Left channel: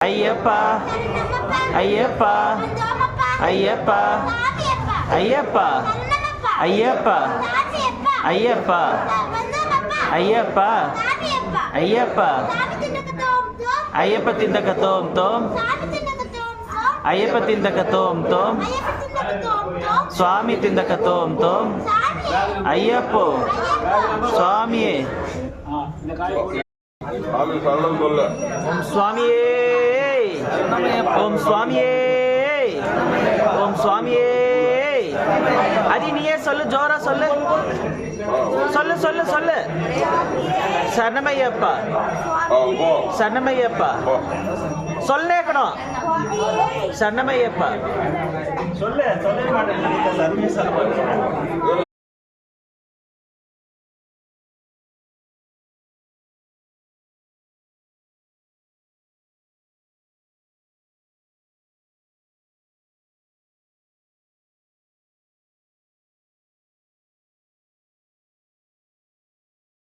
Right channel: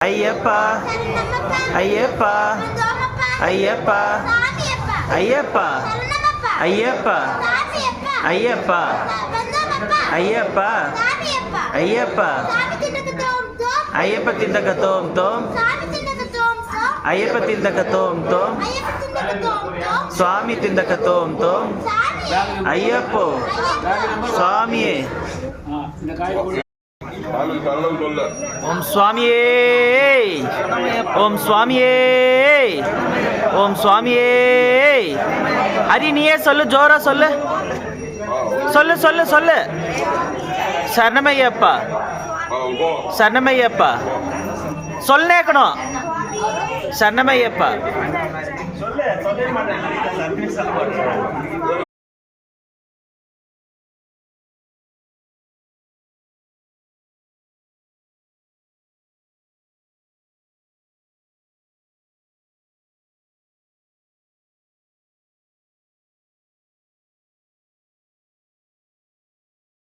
ஐயப்பா ஐயப்பா ஐயப்பா ஐயப்பா ஐயப்பா ஐயப்பா ஐயப்பா ஐயப்பா ஐயப்ப திண்டக தோம் தோம் ஐயப்ப திண்டக தோம் தோம் சுவாமி திண்டக தோம் தோம் ஐயப்போ சுவாமியே ஓம் சுவாமியே ஓம் சுவாமியே ஓம் சுவாமியே. அரி நீயே சொல்லு, ஜோரா சொல்லு சொல்லு சொல்லு சொல்லு. சரணமையப்பா சரணமையப்பா சொல்லேக்கணும். சரணமையப்பா